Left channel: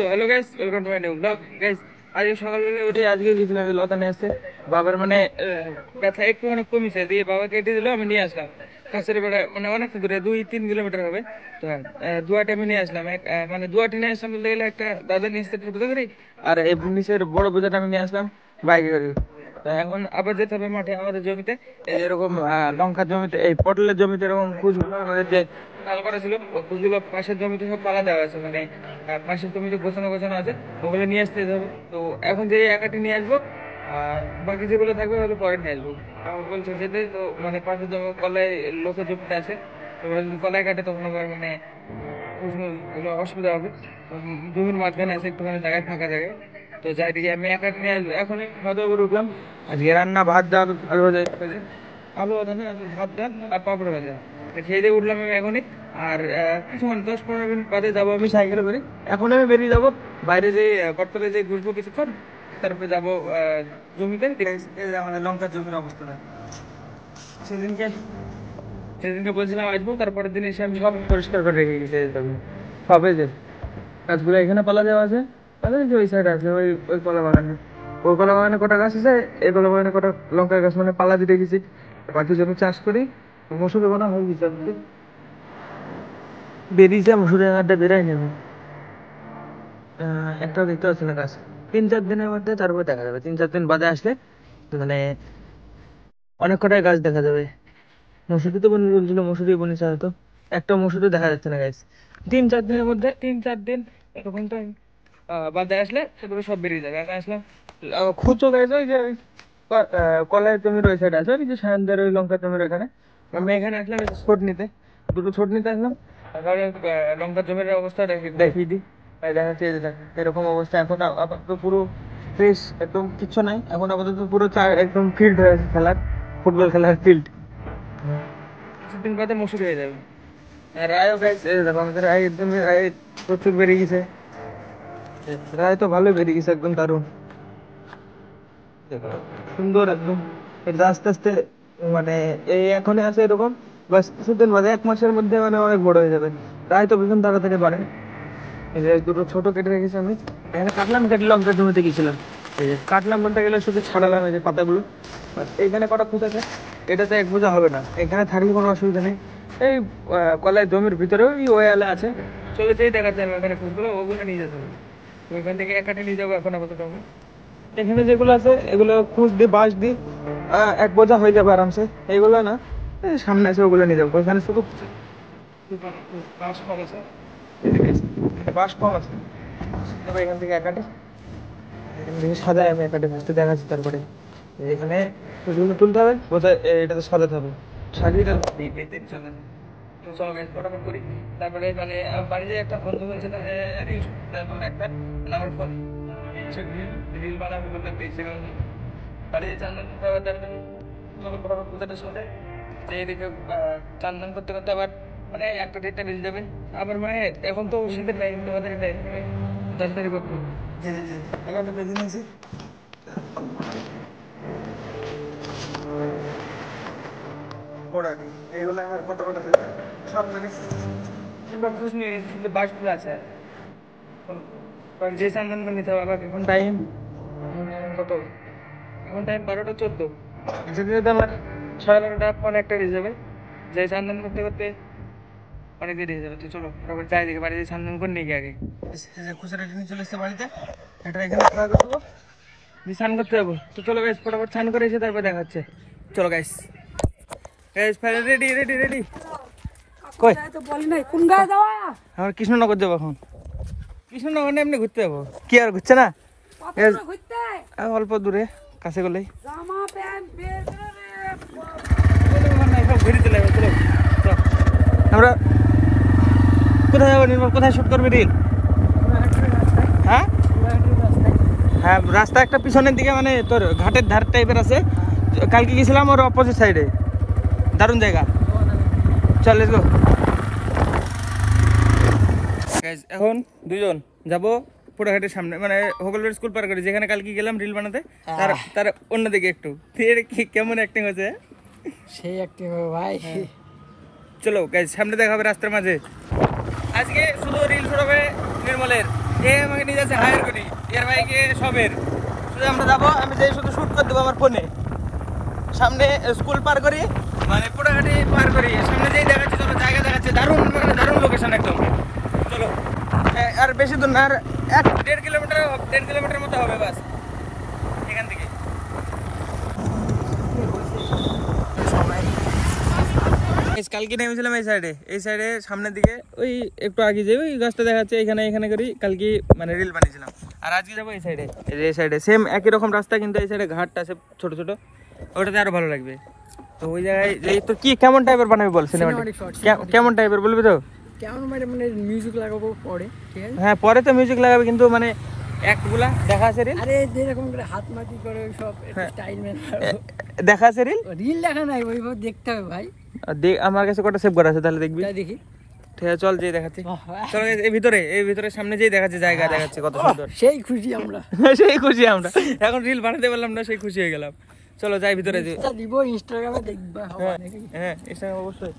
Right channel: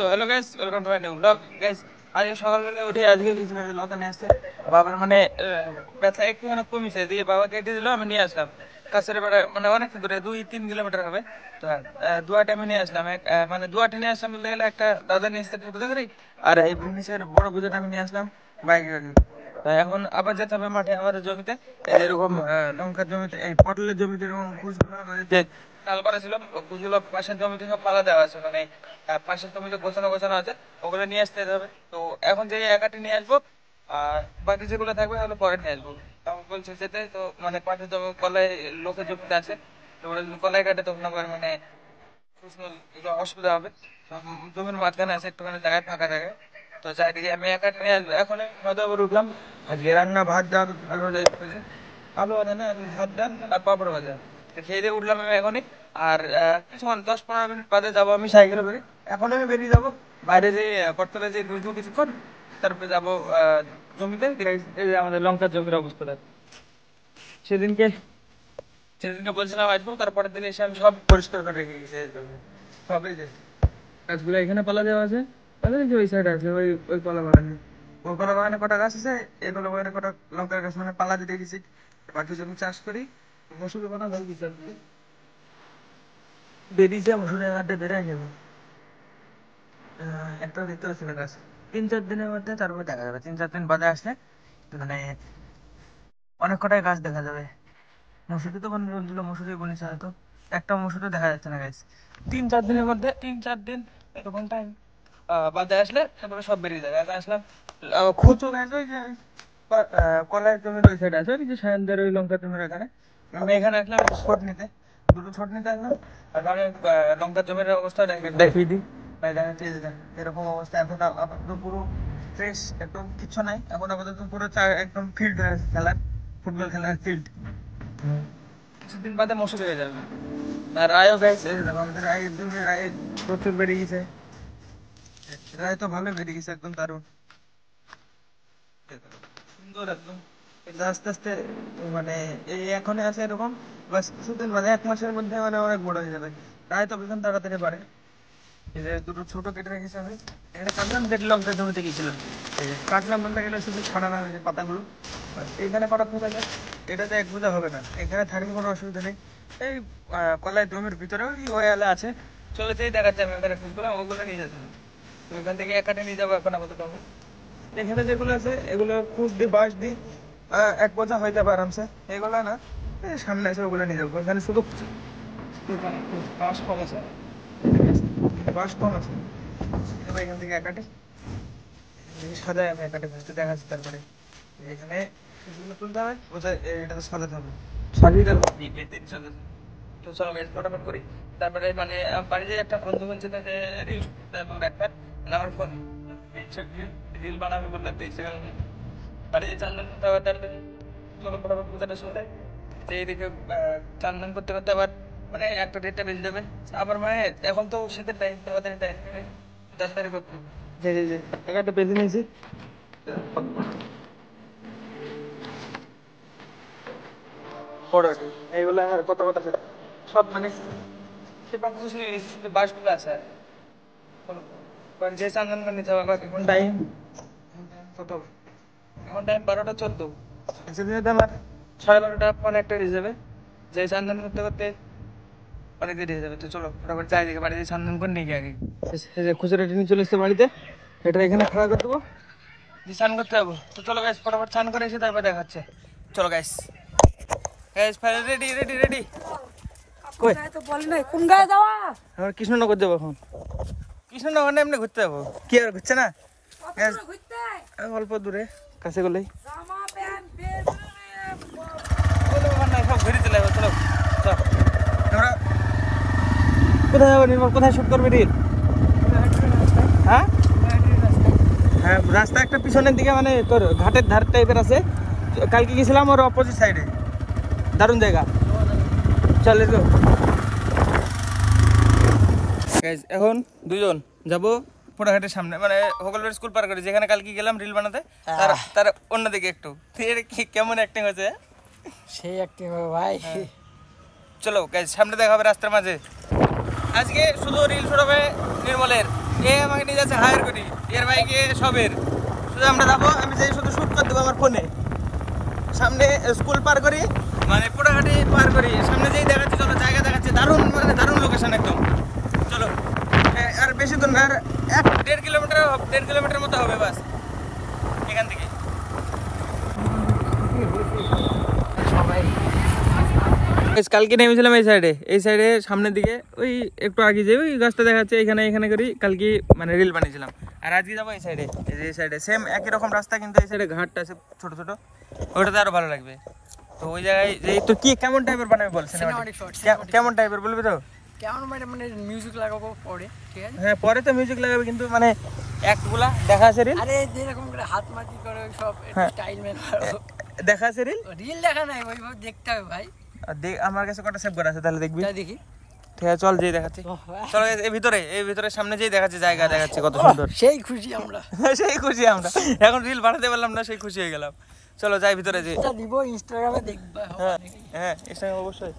So hello guys, welcome to my new blog. Guys আজকে সকালবেলা উঠে আজকে গেছিলাম লতা নিয়ে আসতে। বাবার মানে ব্যথা একটু অনেক কমিছে দিয়ে বাবা কেটে দিল, আমি নিয়ে আসলাম কাছের বাড়ি, মানে অনেক দূরে 2-3 কিলোমিটার হবে। তো দুয়াটা আমি নিয়ে আসলাম, মানে দুয়াটা নিয়ে আসলাম বলতে গেলে একটা দাদা নিয়ে আসতে টোটো গাড়ি, আর এই নিচের বড় বোঝাটা আমি নিয়ে আসলাম বাইকে করে। তো এখন আবার যেতে হবে মাঠে আমাদের জমিতে, এরকম লঙ্কার জমিতে, এই পটলের জমিতে এরকম কুচগুলো আমাদের নাল করা ছিল, কুচগুলো পাশের জমিতে সব পালা দেওয়া আছে, মানে পাশের জমিতে গোছানো গোছানো আছে, ওগুলো নিয়ে আসতে হবে। তো এখন যে একাটি নিয়ে আসবো, আর বাকি যেগুলো থাকবে ওগুলো পরে নিয়ে আসবো। আমার বলছে যেতে, তো মানে পাশে তো কলাই লোকের জমিতে আছে, তো ওরা যদি কলাই কাটে তখন আবার মানে এগুলো অসুবিধা হবে। তো জমির মাঝখানে আছে একটুখানি জায়গায়, ফাঁকা জায়গায়। তো যাই দেখি আমি একাটি নিয়ে আসবো। এখন মাথার উপর উঠলাম, আজকে রান্না ভাত ডাল আলু ভাজা, আলু ভাজা না ভাত ডাল আর পাপড় ভাজা খেয়ে দিয়ে উঠলাম আমি এখনই। আর কিছুক্ষণ 10-15 মিনিট বাদে যাবো আমি সাইকেলে করে। এখন আমি বেরিয়ে যাবো বাইরে, যে করতলে যে ঘুরবো কিছুক্ষণ, তারপরে যাবো জমিতে। এই যে আমাদের লঙ্কার জমির অবস্থাটা, সেদিনকে সেদিনকে বলছিলাম আসবো, তারপরের দিন এসে আমি সব পরিষ্কার করে রেখে গেছি। হবে যে গাছগুলো এখানে পালা দেওয়া আছে, যে ওই সাইড আছে, ওই ওই কলা বাগানে, ওই কলা বাগানে কটা গাছ আছে, এই কলা বাগানে কটা লঙ্কার গাছ, মানে পালা দিতে গেছি। বাকি জমি চাষ করি, মসুর দেবো না, বেরিয়েছে মসুরের হাটটা বেরোয় নেবে। একটা দেখতে পাচ্ছি না গাছ, 3-4 দিনের মধ্যে তারপর দেখা যাবে। 3-4 দিন বাদে আসলে মানে অনেক কটাই গাছ দেখা যাবে। মসুরি তো বলছিল, মসুরি বনিছে হয়তো, একটা মসুরি দেখা যাচ্ছে না গাছ। 3-4 দিনের মধ্যে, 3-4 দিন এরকম টাইম বাদে আসলে তারপরে সব বেরিয়ে যাবে। আমি আসলাম খুচো গাছ, ওই যে কলাই জমির ওই সাইড আছে, ওই যে সায়নদের ওই লঙ্কা জমির ওখানে। আমি এখানে আসলাম ছোট নিতে, দুটো ছোট নিতে আসলাম। তারপরে লঙ্কা জমির অবস্থা দেখিয়ে দিই। দেখা যাচ্ছে এই যে দেখেন, এরকম অবস্থা এখন আপাতত পুরো ফ্রেশ, একদম কিচ্ছু নাই এখন আপাতত, পুরো একদম ফিল্ড হয়ে আছে খেলার, ফুটবল খেলার ফিল্ড। কিছুদিন বাদে মসুর হয়ে যাবে। আর রায়ও গাইছে, দেখো আমাদের রায় একদম, রায় প্রচুর বেড়ে গেছে। রায় তো ভালোই বেড়ে গেছে, একদম দারুণ সুন্দর একদম। এটা আস্তে আস্তে মানে এই এখনই আছে এরকম, বাস কিছুদিন বাদে 1 মাসের মধ্যে মানে অনেক বড় হয়ে যাবে। রায় তো ভীষণ তাড়াতাড়ি বাড়ে। এই যে দুটো ছোট কেটে রেখেছি আমি, এখানে কাটলাম, কেটে লঙ্কা জমিতে গেছিলাম। এই যে কাটলাম বলতে গেলে শুধু ছাড়ালাম এই যে পাতাগুলো। এখানে কটা খুঁত আছে, এটাতে এক বোঝা হবে না, এখানে থাকলে কোনো অসুবিধা নেই। এই কলাই জমির ভিতরেও ওই আলা আছে, চলে যেই দেখাচ্ছে আমি ওখানে খুঁতগুলো, ওগুলো নিয়ে যেতে হবে। তো এখান থেকে এক কাটে নিয়ে যাবো এখন আপাতত। এখানে যেগুলো আছে এগুলো খুঁজ দিয়ে বাঁশ দিয়ে এক বোঝা হয়ে যাবে আরামসে। এগুলো না, এই সামনে আছে ওগুলো নিয়ে যাবো। এখানে শুধু বাঁশ কম আছে, বাঁশ কম আছে। তারপরে এখান থেকে একাটে, এখান থেকে সাজাই আমি একাটে ফার্স্টে দেখাচ্ছি। তারপরে এখানে এগুলো তুলতে হবে, বোঝায় এটাতে সাজাতে হবে, সাজিয়ে দেবো। তো চলো গাইস ফটাফট করি। তারপরে মানে বাড়িতে একটা বন্ধু বলছে যে রিল, তারপর একটা আমার ফোন রিল বানাবে বলতে পেয়েছে, বাড়িতে চান্দন করতে হবে। তার চলো ফটাফট পূজাটা শোনে যে এদিকে চান্দন করতে করতে আবার মানে 1টা-1.5টা বেজে যাবে। আবার মানে এখন তো শীতের টাইম, তোমাদের টাইম তাড়াতাড়ি করতে হবে। যে 1টা বেজে নিয়েছি। এইগুলো আর কত কত সব মানে বাসগুলো আছে, যে চান্দন করে নিতে হবে। এখন টাইম কত, এখন টাইম 12টা 14। যেতে যেতে আমার 12:30-1টা বেজে যাবে, যে চান্দন করতে করতে অনেক দেরি হয়ে যাবে। তো চলো ফটাফট যাই দেখে বাড়িতে চান্দন করে নিয়ে আগে। খুচরা নিয়ে চলে এসছে বাড়িতে, এটা এখানে খাওয়া করে দেবো, দিয়ে স্নান করতে যাবো। তো চলো গাইস ফটাফট স্নান করে এসে তারপর দেখাচ্ছে। চলো guys, guys ready ready ready. কই কোন গায়ে যাওয়া? আমরা কৃষ্ণনগর যাবো এখন। কৃষ্ণনগর না এমনি ঘুরতে যাবো, কি আর ঘুরছে না, অল্প দূরে কাছে গেলেই। আমরা কোথায় যাবো নির্মল, কোথায় শুট করবি রিল? হ্যাঁ হ্যাঁ, রাস্তা একটা পিছনের দিকে, মানে তোর ঘাটের ধার টাইপের আছে। কালকে গেছিলাম ওর অপোজিট সাইডে, দারুণ জায়গা। চলে তো এখন দুজন যাবো পুরাঘাটের সামনে, মানে হোগলবাড়ি স্কুল পার করে, যেখানে কালকে গেলাম রিল বানাতে, তার অন্যদিকে একটু। কেমন অ্যাক্টিং হয়েছে? সেই অ্যাক্টিং হবে ভাই। চলো গাইস সামনে দেখা হবে রাস্তার মাঝে। আজকে শুধু রিল শুট হবে নির্মলের, এ আমাকে নিয়ে যাচ্ছে হায়ার করি, এর বাইকে সবের শুধু আমরা যাবো, আমি যাই শুধু শুট করে দেবো আমার ফোনে। সামনে স্কুল পার করি, মানে পোড়াহাটি পার করি, সামনে যেই দেখাচ্ছে চলো জায়গা দেখাচ্ছে, দারুণ মানে দারুণ লোকেশন একদম। চলো আর বেশি দূর না, আর 1-1.5 কিলোমিটার মতো হবে বাস এখান থেকে। কালকে নেমেছিলাম এই সাইডে সামনের দিকে, ওই একটু আগে যাই ওই গাছটা দেখাচ্ছে, এখানে করি কালকে মানে রিল বানিয়েছিলাম। আর আজকে যাবো এই সাইডে সেম একই রকম রাস্তা, কিন্তু এই সাইডে ঘাটটা আছে ছোট ছোট, ওইটাতে আরো ভালো লাগবে। তো ওই জায়গায় এই তো কি কেমন টাইপের বানাবি বল, সিনেমাটিক কেমন টাইপের বলবি তো? কেমন মানে মিউজিক লাগাবো পরে, ঠিক আছে? হ্যাঁ পরে তো মিউজিক লাগাবে, কিন্তু মানে অ্যাক্টগুলা দেখা আছে রিল, আরে যেরকম করে হাত মাটি করে ওই সব স্টাইল মেন দেখা আছে রিল দেখা নাই, ওইভাবে দেখতে হবে ভাই। আমার কাছে কটা সেভ করা আছে, তাহলে দেখবি। দেখি ঠিক আছে চল, যেই দেখাচ্ছি চল, এই ভিতরে সামনে যেই দেখাচ্ছে জায়গা দেখাচ্ছে কত সুন্দর, সেই খুশি আমরা সেই খুশি আমরা, এখন রিল বানাতে পারলাম না, সেই খুশি হয়ে গেলাম। চলো যাই ভিতরে, দিব ইনস্টাগ্রামে দেখবা। হ্যাঁ ইনস্টাগ্রামে অবশ্যই।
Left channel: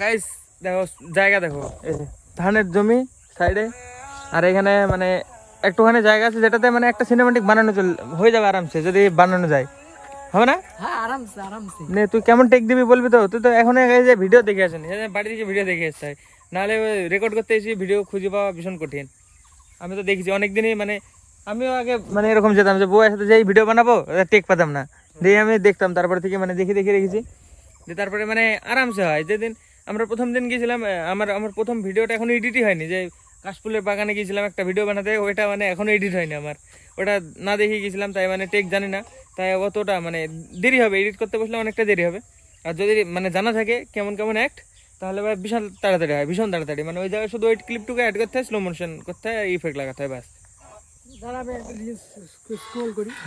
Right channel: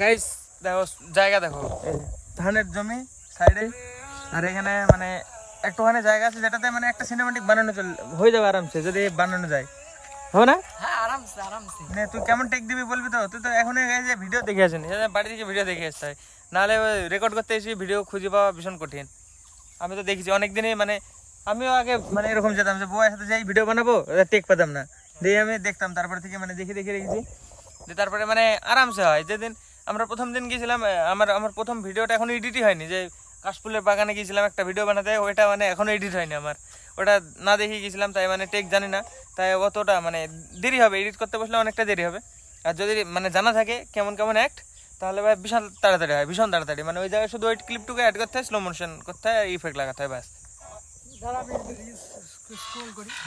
গাইস দেখো জায়গা দেখো, ধানের জমি সাইডে, আর এখানে মানে একটুখানি জায়গা আছে যেটাতে মানে একটা সিনেমাটিক বানানো হয়ে যাবে আরামসে, যদি বানানো যায়, হবে না? হ্যাঁ আরামসে। নে তুই কেমন টেক দিবি বলবি তো? তুই তো এখন যে ভিডিও দেখে আসেন, বাড়ি থেকে ভিডিও দেখে আসতে হয়, নাহলে রেকর্ড করতে এসে ভিডিও খুঁজে পাওয়া ভীষণ কঠিন। আমি তো দেখেছি অনেকদিনই, মানে আমিও আগে মানে এরকম যেতাম যে বউয়ের সাথে যেই ভিডিও বানাবো টেক পেতাম না, দিয়ে আমি দেখতাম, তারপরে থেকে মানে দেখে রেখেছি, দিয়ে তারপরে মানে আরামসে হয়। যেদিন আমরা প্রথম দিন গিয়েছিলাম, আমার প্রথম ভিডিওটা এখনো এডিটই হয়নি, যে কাশফুলের বাগানে গিয়েছিলাম একটা ভিডিও বানাতে, ওইটা মানে এখনো এডিট হয়নি আমার, ওটা না দেখে গিয়েছিলাম, তাই মানে টেক জানি না, তাই অতটা মানে দেরি হবে, এডিট করতে বসলে অনেকটা দেরি হবে। আর যদি মানে জানা থাকে কেমন অ্যাক্ট, তাহলে ভাই ভীষণ তাড়াতাড়ি হয়, ভীষণ তাড়াতাড়ি, মানে ওই জায়গায় শুধু ওই ক্লিপটুকু অ্যাড করতে হয়, স্লো মোশন করতে হয়, ইফেক্ট লাগাতে হয়, ব্যাস।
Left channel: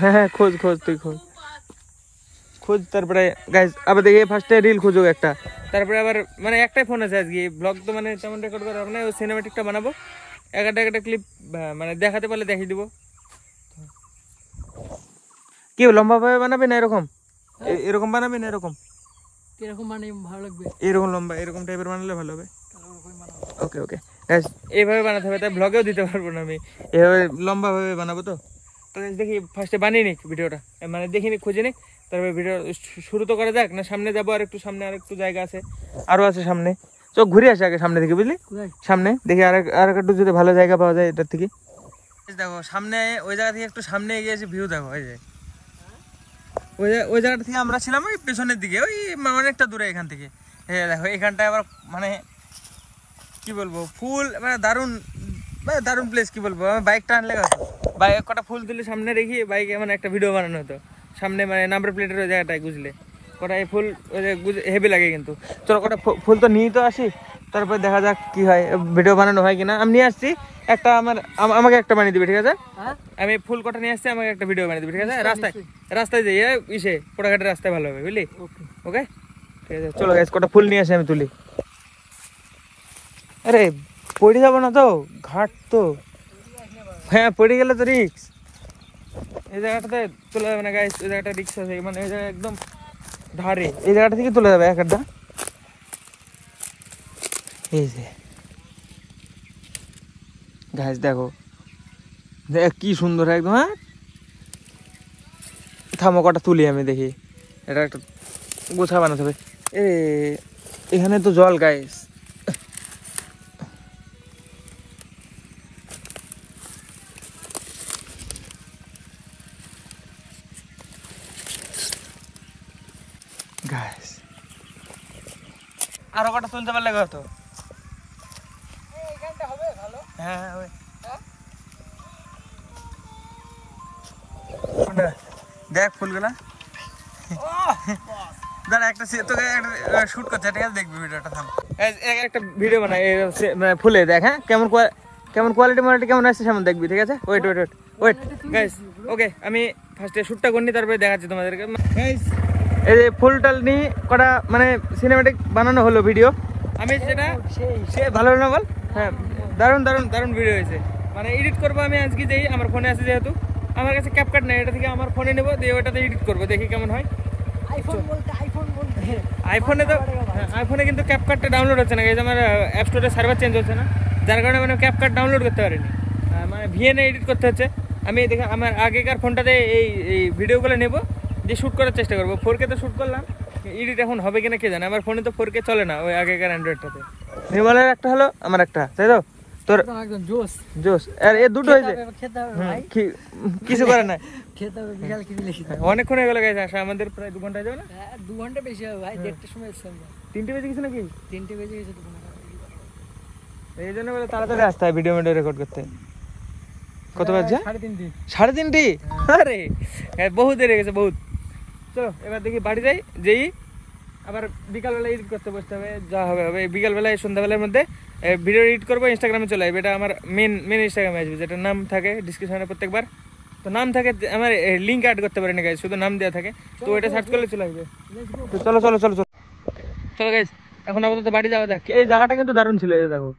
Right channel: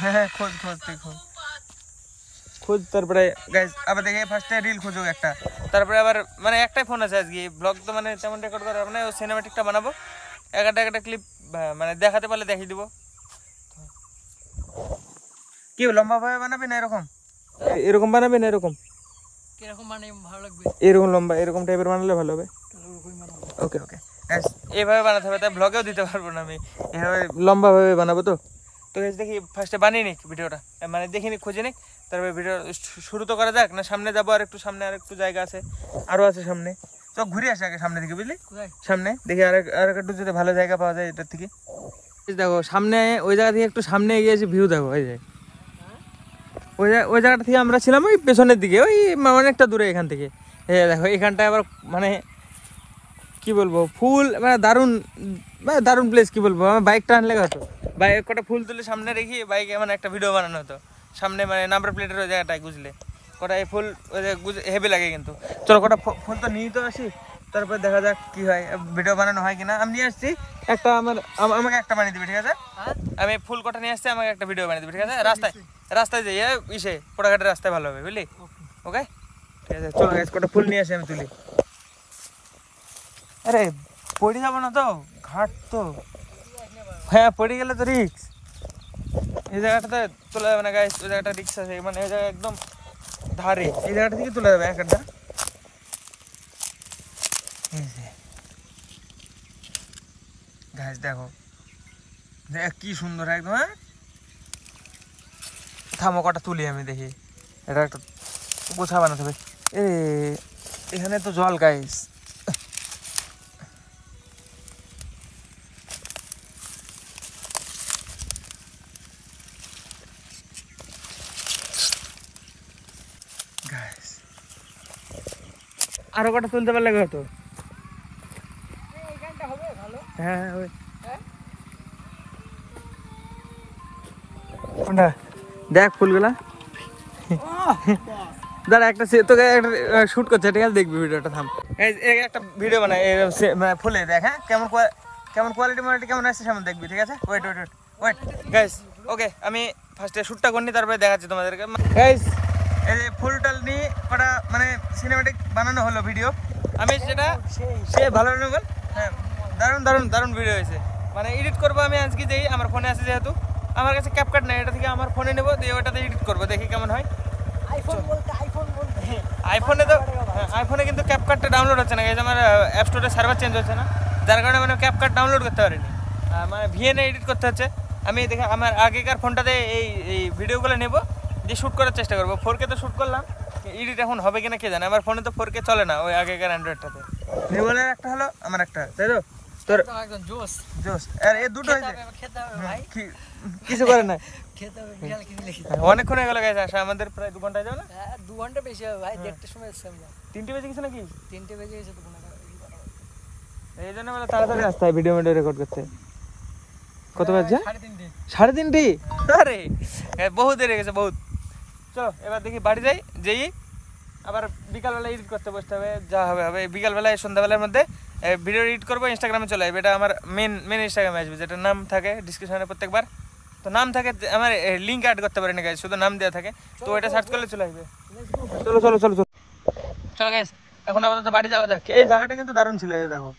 হ্যাঁ খোঁজ তুই খোঁজ, তারপরে গাইস আবার দেখি ফার্স্টে রিল খুঁজো একটা, তারপরে আবার মানে একটাই ফোন আছে আজকে, ব্লগ তো মানে তেমন রেকর্ড করা হবে না, ওই সিনেমাটিকটা বানাবো, একটা ক্লিপ মানে দেখাতে পারলে দেখিয়ে দিব। কি লম্বা ভাবে বানাবে না এরকম বানাবে না এরকম কিরকম মানে ভালো লাগবে? এরকম লম্বা এরকম টাইপের বানালে ভালো হবে। ওকে গাইস এইভাবে বানাতে হবে, তাই ব্লগেও দিতে পারবো না আমি, এভাবে লম্বা ভাবে বানাবো। তো গাইস দেখি ফার্স্টে বানিয়ে নিক ভিডিওটা, মানে দেখিনি খুঁজে নিক, তারপরে ভিডিও শুরু তো করা যাক না। সামনে যাবো, আর একটু সামনে আর একটু জায়গা আছে, আরো আছে সামনে, চোখ ঘুরে আসে আগে সামনে থেকে, বুঝলি? সামনে দেখি আর একটু যদি ভালো জায়গা পাওয়া যায় এটার থেকে। দেখো সামনে ওই জায়গা থেকে একটু সামনে এগিয়ে এসে ভিউ দেখো, ওই জায়গাটা থেকে আমরা ছিলাম ওই পেছনের দিকে, ওই অনেকটা দূরে এখান থেকে। দেখো এখানটায় আবার মানে কি বলবো, ফুল মানে দারুণ প্লেস, কি বলবো, আমার বাইকটা আনলে হতো, বাইক কটা ফুল তুলে সামনে রেখে বাইকে মানে একটা ভিডিও বানানো হতো সামনে, মানে নাম্বার প্লেটের ওই জায়গাটায় গুজলে কটা এই ফুল হেভি লাগে। কিন্তু চলো কটা ফুল তো নিয়ে তো আসি, তারপর দেখা যাক কি হয়, ভিডিও বানানো হয় কিনা। আমি নিয়ে আসছি একটা, আমাকে একটা বানিয়ে দিবে, ঠিক আছে? আমি ফুল কটা নিয়ে আসছি, আমাকে একটা ভিডিও বানিয়ে দিবে, ঠিক আছে? রাস্তায় যাই, ইসে পোড়াঘাটের রাস্তায় ভালো হবে, বুঝলি? ওকে ঠিক আছে, চলো গাইস কটা ফুল নিয়ে আসি, আমি তুলি। আরে পড়ে যাবো না তো, ঘাট তো, হ্যাঁ পড়ে গেলে তো রিক্স, এই জায়গাটাতে চলে যাবে না গাইস, ওই জায়গাটা রিক্স আছে, মানে এই জায়গা একদম ধারে, এই জায়গাটা থেকে চলে যাবে একটা। এই যে গাইস দেখো কি সুন্দর একদম। হ্যাঁ থামো কটা তুলি আমি দেখি, এটা একটা গোছা বানাতে হবে। এখানে তো জল গাইস, আরো কটা তুলতে পারলে হতো। হ্যাঁ দেখ ফুলগুলা, দাঁড়া একটা তোকে শুট করছে, ঠিক আছে? দেখবি ভিডিওটা, থাম একটা ভিডিও বানাই ফুলে, দেখ হ্যাঁ কেমন কোয়ালিটি কেমন আসছে সামনে দেখবি, ঠিক আছে? ওয়েট গাইস, ওকে আমি ফার্স্টে শ্যুটটা করিনি, তারপরে দেখাচ্ছি তোমাদেরকে। গাইস এই যে ফুল টাল নিয়ে কটা মানে সিনেমাটিক বানানো হলো ভিডিও, আমি সেটা সে ভালো না বল? হ্যাঁ দারুণ ভিডিও হয়েছে, মানে এডিট করবো আমি আজকে, যেই আমার ফোনে আছে, যেহেতু আমার কাছে ক্যাপকাট নেই, এটা থেকে আমার ফোনে নেবো, দিয়ে ওটাতে এডিট করবো, দেখি কেমন হয়। আইফোনে তো আইফোনে কিন্তু ক্যাপকাটটা ডাউনলোড হচ্ছে না, আমার অ্যাপ স্টোরে সার্ভার চেঞ্জ হচ্ছে না, যার কারণে মানে ক্যাপকাট ডাউনলোড করতে পারিনি। মানে ভিএনএ এডিট করতে হচ্ছে। আমি দেখে আমার আগেকার ফোনটাতে এই এই ভিডিওগুলো নেব, দিয়ে শ্যুট করার চেষ্টা করবো। 4K তো শ্যুট করলাম, এডিট এখন হবে কিনা কে জানে। আমার ফোনে তো 4K চলে না, ওই আগেকার অ্যান্ড্রয়েডটাতে। নির্মলের একটা হলো, আমার একটা, তাই তো? তোর একদম জোস জোস। আর এ দুটো হয়েছে খেতে হবে ভাই, কিছু করে না। খেতে হবে, বিশাল কিছু লিখি। অনেকক্ষণ হয়ে গেল গাইছে আসা, আমাদের প্রায় 2 ঘন্টা যাবে না? 2 ঘন্টা বেশি হবে ভাই, 1:30টার সময় এসছি আমরা। 3টে বেজে গেছে নাকি? 3টে বেজে গেছে তোমার। এই জন্য বলে তাড়াতাড়ি আসতে হয় ভিডিও রেকর্ড করতে। কত বাজছে? 3:30। 3:30? আরে বহুত দেরি হয়ে গেছে, বহুত। চলো এবার দেখি বাড়ি যাই, যেই আবার বিকালবেলা এডিট করতে বসতে হবে, যা হবে হবে। বিকালবেলায় সন্ধ্যাবেলার মধ্যে ভিডিও এডিট করবো, ইনস্টাগ্রামে চলে আসবে। এটা আমার মেন ইনস্টাগ্রামে আসবে, যেটার নাম থাকে ডিসক্রিপশনে প্রত্যেকবার। তো নাম থাকে, আমার লিঙ্ক অ্যাড করতে পারি না গাইজ, শুধু নাম দেওয়া থাকে। তো এটা সার্চ করলে চলে আসবে। তো চলো চলো চলো চলো চলো গাইজ, এখন আপাতত বাড়ি যাওয়া যাক। এই জায়গাটা কিন্তু দারুণ ছিল, এই দেখো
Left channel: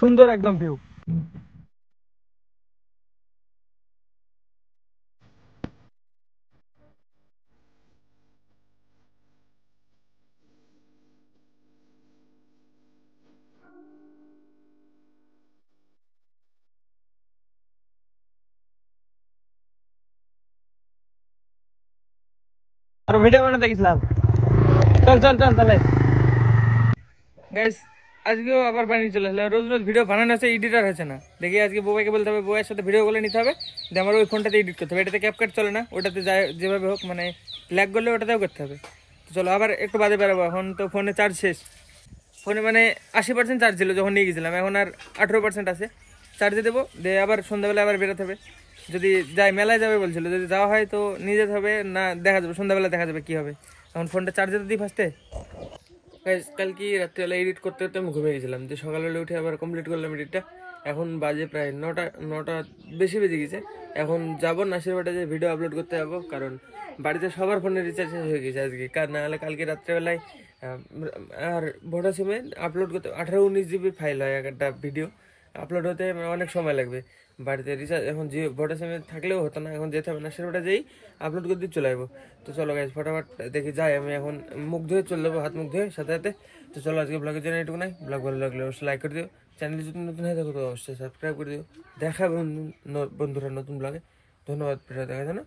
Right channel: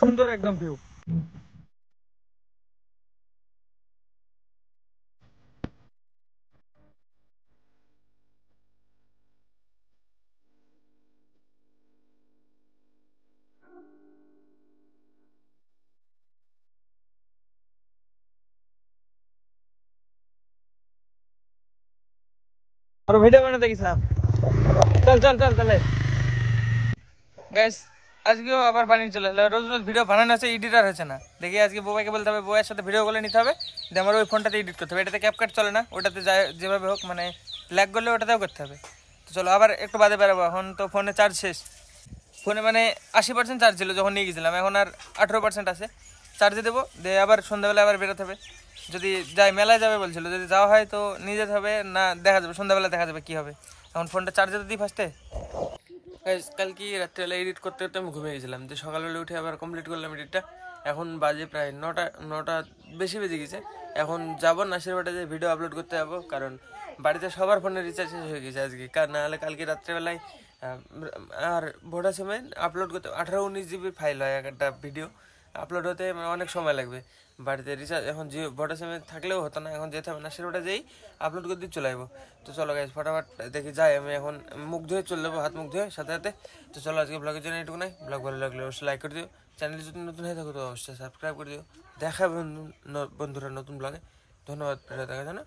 সুন্দর একদম ভিউ। ভিডিও বানাতে গেছিলাম। চল চল চল তাহলে গাইস, আজকেও আবার বানিয়ে চলে আসলাম। রোজ রোজ ভিডিও বানানো আছে, এডিটার হচ্ছে না। দেখি আজকে বউকে বলতে হবে, বউয়ের সাথে ভিডিও গুলো নিতে হবে, দিয়ে আমার ওই ফোনটাতে এডিট করতে হবে। এটাতে ক্যাপকাট চলে না, ওটাতে যায় যেভাবে হোক, মানে ল্যাগ করলে ওটাতেও করতে হবে। তো চলো আবার একটু বাদে বেরোবো। এখন তো ফোনে চার্জ শেষ, ফোনে মানে 80% চার্জ ছিল যখন নিয়ে গেছিলাম, এখন আর 18% আছে। চার্জে দেবো, দিয়ে আবার সন্ধ্যাবেলা আবার বেরোতে হবে। যদি যাই, মেলায় যাবে বলছিল, যদি যাওয়া হয় তো নিয়ে যেতে হবে, না দেখা যাবে সন্ধ্যাবেলা, দেখা যাবে কী হবে। এখন ফোনটা চার্জে তো দিই ফার্স্টে। কালকে রাত্রিবেলা এডিট করতে করতে আমি ঘুমিয়ে গেছিলাম, যে সকালবেলা উঠে আবার কমপ্লিট করলাম এডিটটা। এখন বাজে প্রায় 9টা বেশি বেজে গেছে। এখন যাবো নাসির বাটে, যে ভিডিও আপলোড করতে যাবো, কারণ বাড়িতে সবার ফোনের রিচার্জ শেষ হয়ে গেছে আজকে। না হলে কালকে রাত্রেবেলায় আর ভোডা সিমে আপলোড করতে 18-19 জিবির ফাইল হয় একটা ভিডিও, আপলোড হতে অনেক সময় লাগবে। বাড়িতে রিচার্জ এখন যে ভোডা সিমে থাকলেও হতো না, এখন যেতে হবে নাসির বাটে, যেই আপলোড করে দিয়ে চলে আসবো। তো চলো গাইজ ফটাফট দেখি যাই। আমি এখন মুখ ধুয়ে চলে যাবো, হাত মুখ ধুয়ে সাথে সাথে। তো চলো আজকে ব্লগের জন্য এটুকু নাই। ব্লগ ভালো লাগলে অবশ্যই লাইক করে দিও, চ্যানেল যদি নতুন হয়ে থাকো তো অবশ্যই সাবস্ক্রাইব করে দিও। দেখা বন্ধুরা নতুন ব্লগে। ধন্যবাদ ভিডিও দেখার জন্য।